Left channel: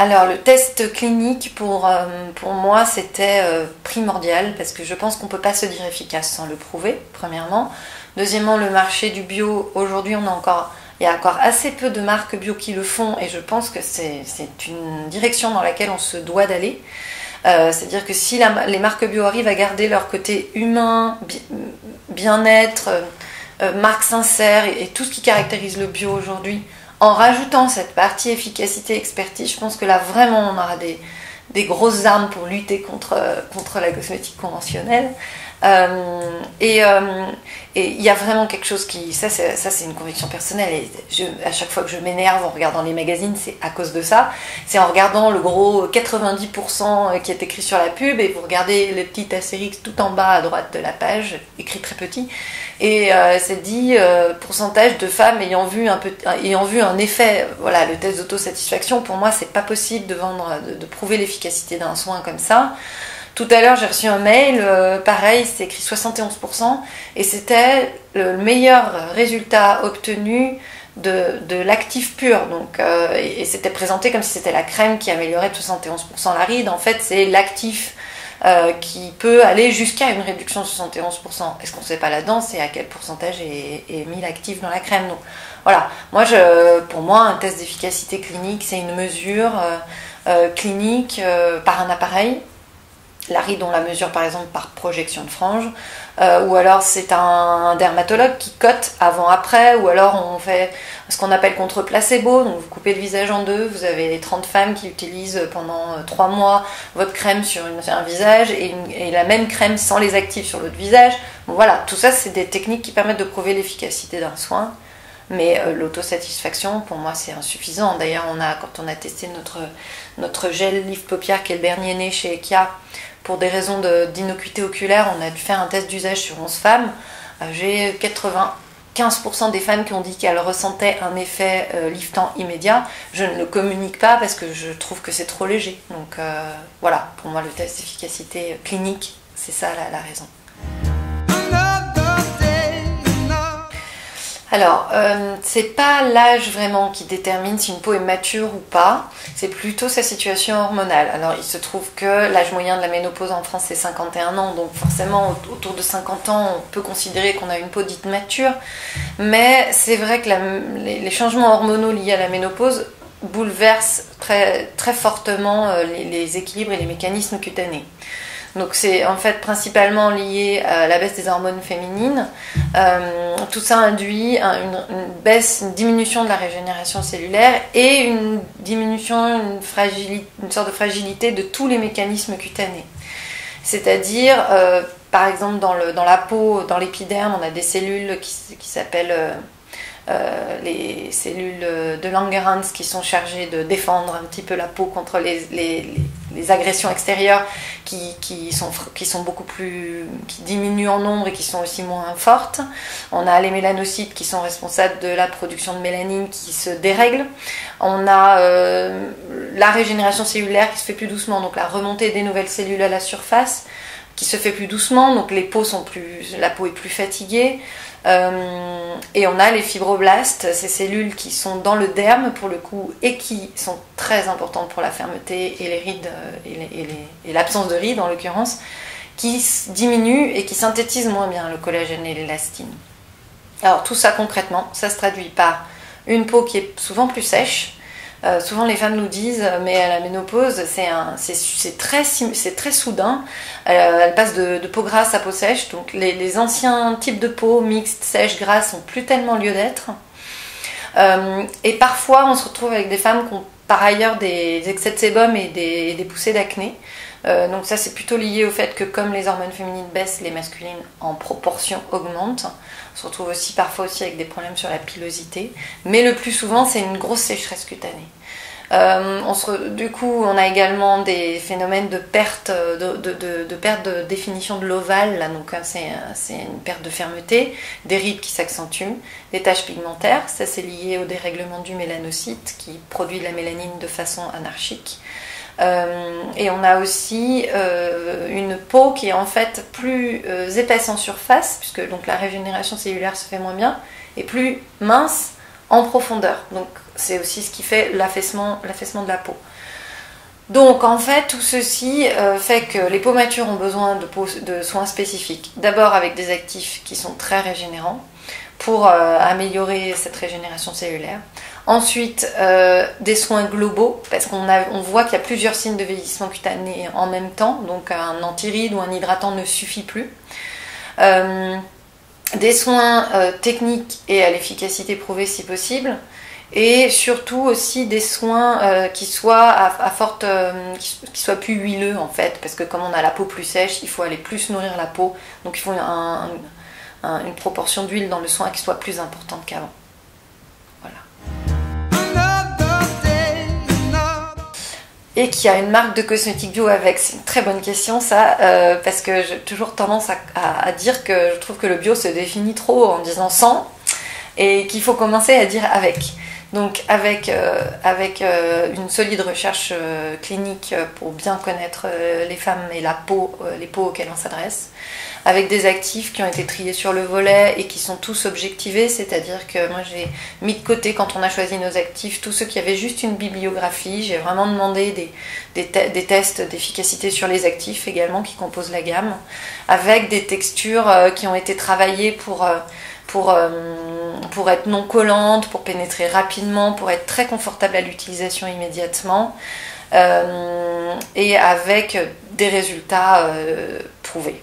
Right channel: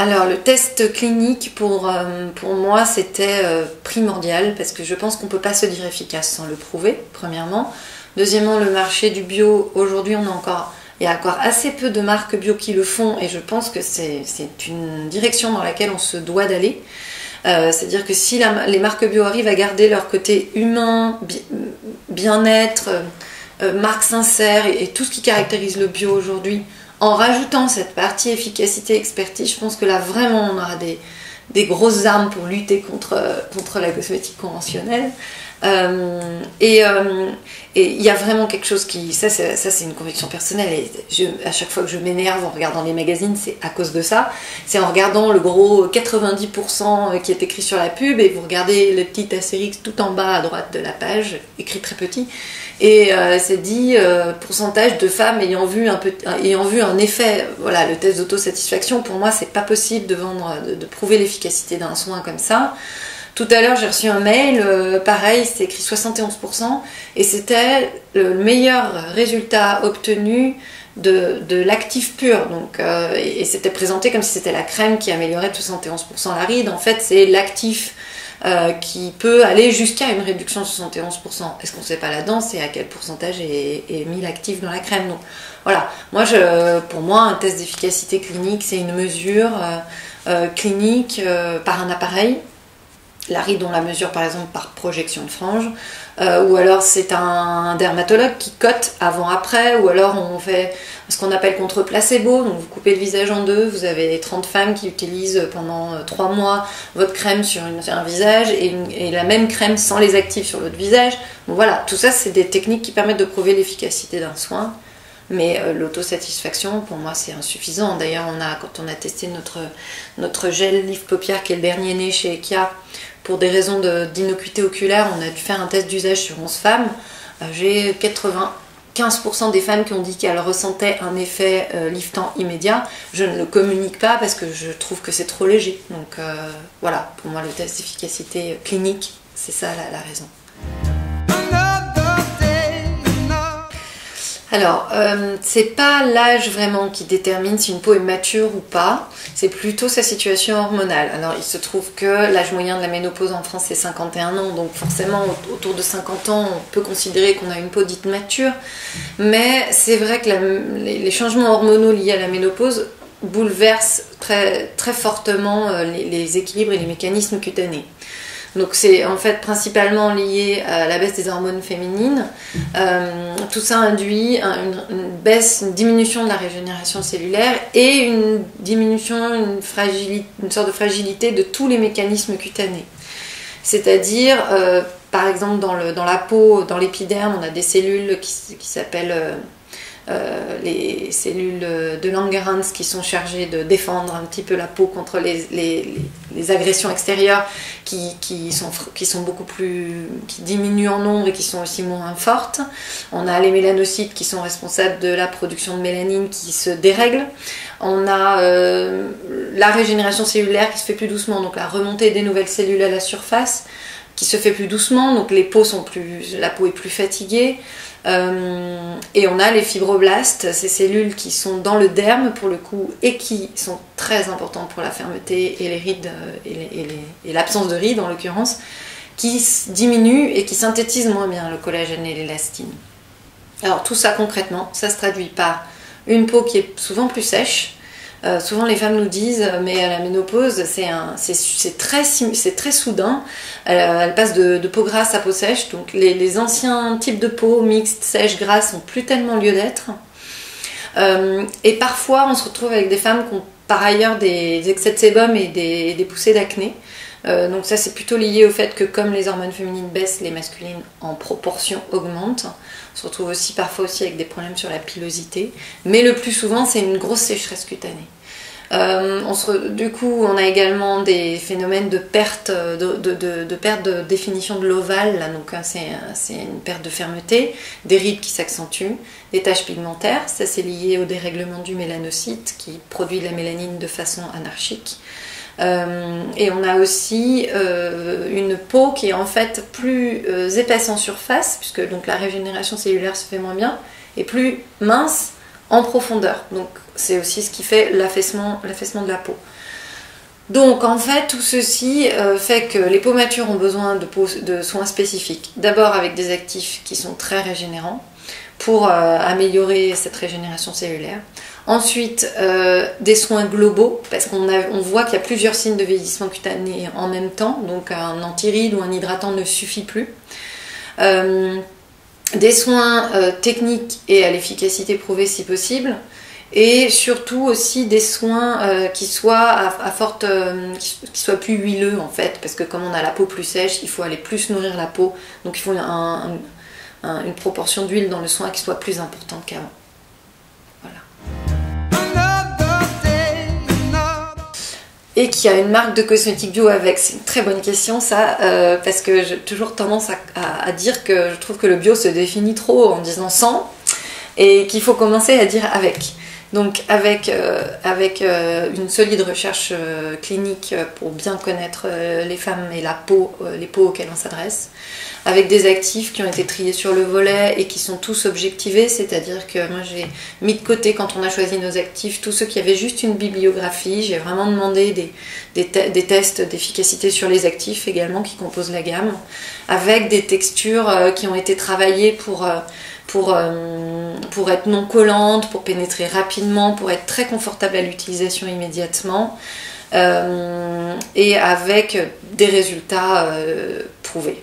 Alors le test clinique pour moi c'était primordial parce que je pense qu'on ne peut pas se dire efficace sans le prouver, premièrement. Deuxièmement, le marché du bio, aujourd'hui il y a encore assez peu de marques bio qui le font et je pense que c'est une direction dans laquelle on se doit d'aller. C'est-à-dire que si les marques bio arrivent à garder leur côté humain, bien-être, marque sincère et tout ce qui caractérise le bio aujourd'hui, en rajoutant cette partie efficacité, expertise, je pense que là vraiment on aura des grosses armes pour lutter contre la cosmétique conventionnelle. Et il y a vraiment quelque chose qui... Ça c'est une conviction personnelle et à chaque fois que je m'énerve en regardant les magazines, c'est à cause de ça. C'est en regardant le gros 90% qui est écrit sur la pub et vous regardez le petit astérix tout en bas à droite de la page, écrit très petit, et c'est dit pourcentage de femmes ayant vu un effet. Voilà, le test d'autosatisfaction, pour moi c'est pas possible de prouver l'efficacité d'un soin comme ça. Tout à l'heure, j'ai reçu un mail, pareil, c'était écrit 71%, et c'était le meilleur résultat obtenu de l'actif pur. Donc, et c'était présenté comme si c'était la crème qui améliorait de 71% la ride. En fait, c'est l'actif qui peut aller jusqu'à une réduction de 71%. Est-ce qu'on ne sait pas là-dedans, c'est à quel pourcentage est mis l'actif dans la crème. Donc, voilà, pour moi, un test d'efficacité clinique, c'est une mesure clinique par un appareil. La ride, on la mesure par exemple par projection de frange, ou alors c'est un dermatologue qui cote avant-après, ou alors on fait ce qu'on appelle contre placebo, donc vous coupez le visage en deux, vous avez 30 femmes qui utilisent pendant 3 mois votre crème sur un visage et la même crème sans les actifs sur l'autre visage. Bon, voilà, tout ça c'est des techniques qui permettent de prouver l'efficacité d'un soin. Mais l'autosatisfaction, pour moi, c'est insuffisant. D'ailleurs, quand on a testé notre gel Lift Paupières, qui est le dernier né chez Ekia, pour des raisons d'innocuité oculaire, on a dû faire un test d'usage sur 11 femmes. J'ai 95% des femmes qui ont dit qu'elles ressentaient un effet liftant immédiat. Je ne le communique pas parce que je trouve que c'est trop léger. Donc voilà, pour moi, le test d'efficacité clinique, c'est ça la raison. Alors, c'est pas l'âge vraiment qui détermine si une peau est mature ou pas, c'est plutôt sa situation hormonale. Alors, il se trouve que l'âge moyen de la ménopause en France c'est 51 ans, donc forcément autour de 50 ans on peut considérer qu'on a une peau dite mature, mais c'est vrai que les changements hormonaux liés à la ménopause bouleversent très, très fortement les équilibres et les mécanismes cutanés. Donc c'est en fait principalement lié à la baisse des hormones féminines. Tout ça induit une diminution de la régénération cellulaire et une diminution, une sorte de fragilité de tous les mécanismes cutanés. C'est-à-dire, par exemple, dans la peau, dans l'épiderme, on a des cellules qui s'appellent les cellules de Langerhans qui sont chargées de défendre un petit peu la peau contre les agressions extérieures qui diminuent en nombre et qui sont aussi moins fortes. On a les mélanocytes qui sont responsables de la production de mélanine qui se dérègle. On a la régénération cellulaire qui se fait plus doucement, donc la remontée des nouvelles cellules à la surface qui se fait plus doucement, donc la peau est plus fatiguée. Et on a les fibroblastes, ces cellules qui sont dans le derme pour le coup et qui sont très importantes pour la fermeté et les rides et l'absence de rides en l'occurrence, qui diminuent et qui synthétisent moins bien le collagène et l'élastine. Alors tout ça concrètement, ça se traduit par une peau qui est souvent plus sèche. Souvent les femmes nous disent mais à la ménopause c'est très soudain, elle passe de peau grasse à peau sèche, donc les anciens types de peau mixtes, sèches, grasses n'ont plus tellement lieu d'être, et parfois on se retrouve avec des femmes qui ont par ailleurs des excès de sébum et des poussées d'acné. Donc ça c'est plutôt lié au fait que comme les hormones féminines baissent, les masculines en proportion augmentent. On se retrouve aussi parfois avec des problèmes sur la pilosité, mais le plus souvent c'est une grosse sécheresse cutanée. Du coup on a également des phénomènes de perte de définition de l'ovale, là, donc c'est une perte de fermeté, des rides qui s'accentuent, des taches pigmentaires, ça c'est lié au dérèglement du mélanocyte qui produit de la mélanine de façon anarchique. Et on a aussi une peau qui est en fait plus épaisse en surface, puisque donc la régénération cellulaire se fait moins bien, et plus mince en profondeur. Donc c'est aussi ce qui fait l'affaissement de la peau. Donc en fait, tout ceci fait que les peaux matures ont besoin de soins spécifiques. D'abord avec des actifs qui sont très régénérants pour améliorer cette régénération cellulaire. Ensuite, des soins globaux, parce qu'on voit qu'il y a plusieurs signes de vieillissement cutané en même temps, donc un antiride ou un hydratant ne suffit plus. Des soins techniques et à l'efficacité prouvée si possible. Et surtout aussi des soins qui soient qui soient plus huileux en fait, parce que comme on a la peau plus sèche, il faut aller plus nourrir la peau, donc il faut une proportion d'huile dans le soin qui soit plus importante qu'avant. Voilà. Et qu'il y a une marque de cosmétiques bio avec, c'est une très bonne question ça, parce que j'ai toujours tendance à dire que je trouve que le bio se définit trop en disant sans, et qu'il faut commencer à dire avec. Donc avec une solide recherche clinique pour bien connaître les femmes et les peaux auxquelles on s'adresse, avec des actifs qui ont été triés sur le volet et qui sont tous objectivés, c'est-à-dire que moi j'ai mis de côté quand on a choisi nos actifs tous ceux qui avaient juste une bibliographie, j'ai vraiment demandé des tests d'efficacité sur les actifs également qui composent la gamme, avec des textures qui ont été travaillées pour être non collante, pour pénétrer rapidement, pour être très confortable à l'utilisation immédiatement et avec des résultats prouvés.